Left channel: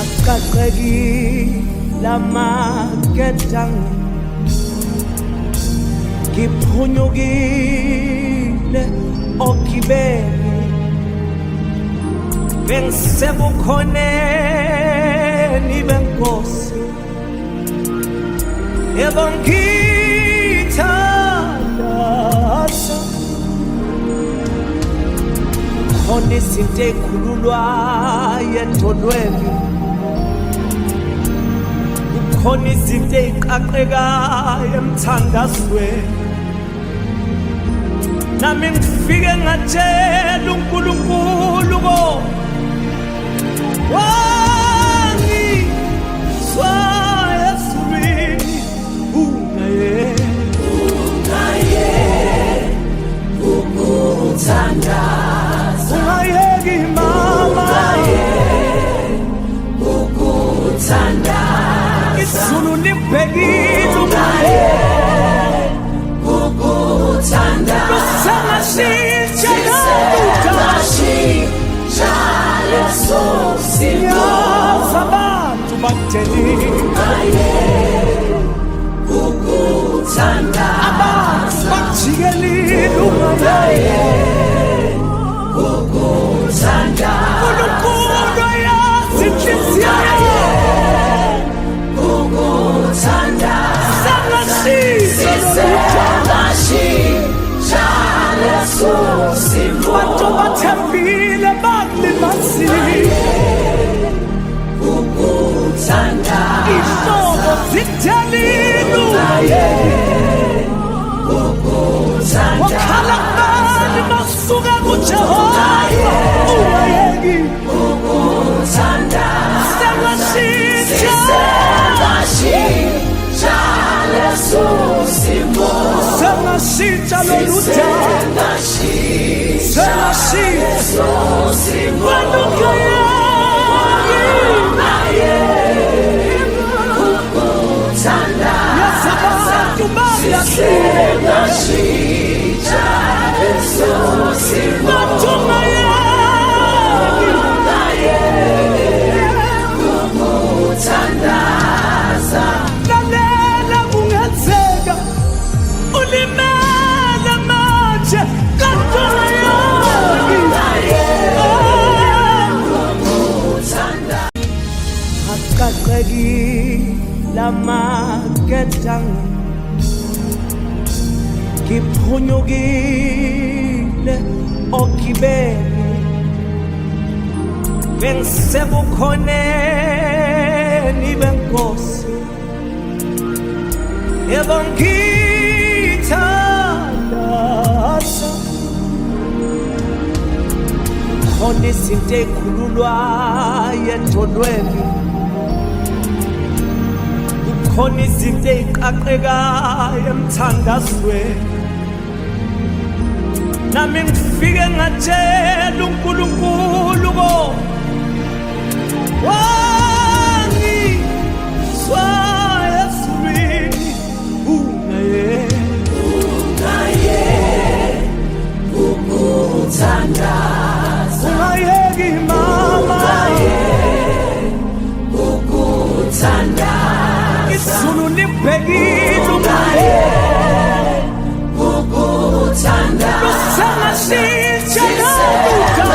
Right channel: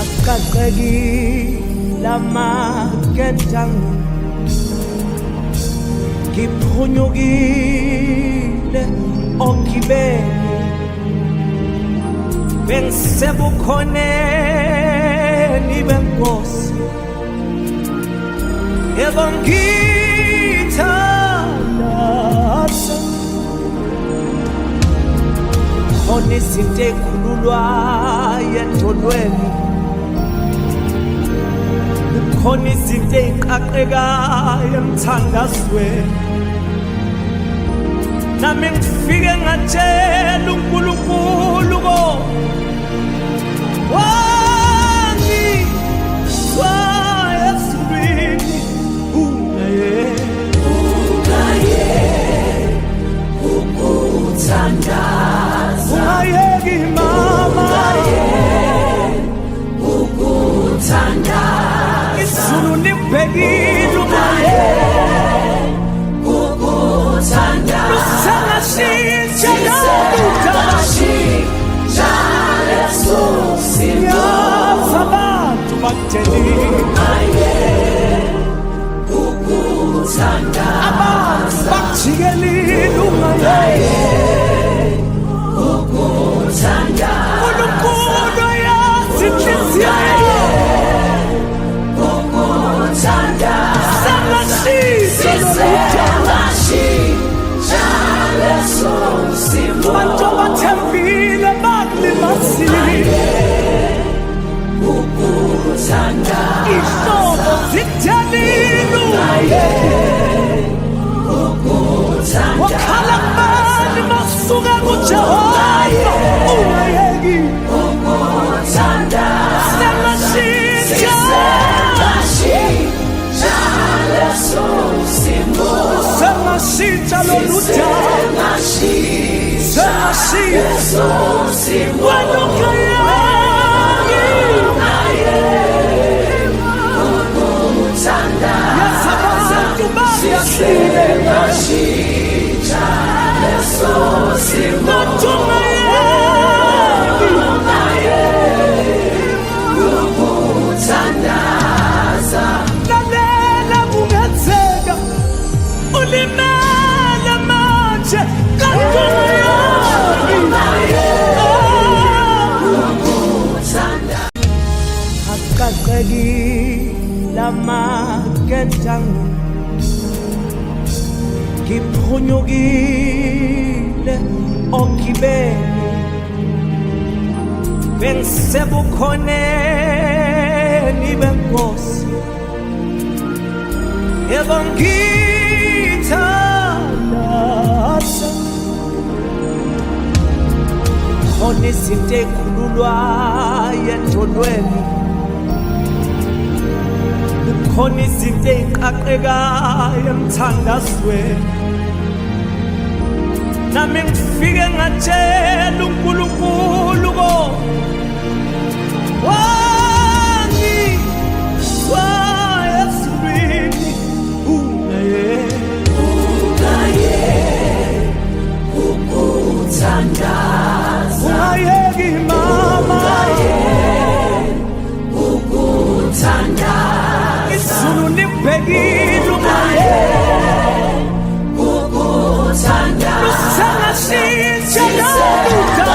Akaqekile amagedangu ngiphunyukile ogibeni bengisebukhoneni benkosi yebo ngithandaza khona izinto ey'khululwayo edolweni kukhona izinto ey'qaqekayo emthandazweni nami ngifike ngatshela uNkulunkulu wangizwa ezulwini ukuthandaza ungayeki mama ukuthandaza izulu libhekile lusangashintsha yazi abantu bakudelile abantu bakujikelile uNkulunkulu yazi inhliziyo sangashintsha bantu bathembile bakulimazile ihlobo zithelile ungayeki wakhala kubani masuka kuJehova ungayeki sangashintsha sengashintsha lolu daba sengashintsha wena ungayeki yazi abantu balahlile bathi ungayeki lalela kungenzeka ulimele manje kanti ungayeki akaqekile amagedangu ngiphunyukile ogibeni bengisebukhoneni benkosi yebo ngithandaza khona izinto ey'khululwayo edolweni kukhona izinto ey'qaqekayo emthandazweni nami ngifike ngatshela uNkulunkulu wangizwa ezulwini ungayeki mama izulu libhekile lusangashintsha lolu daba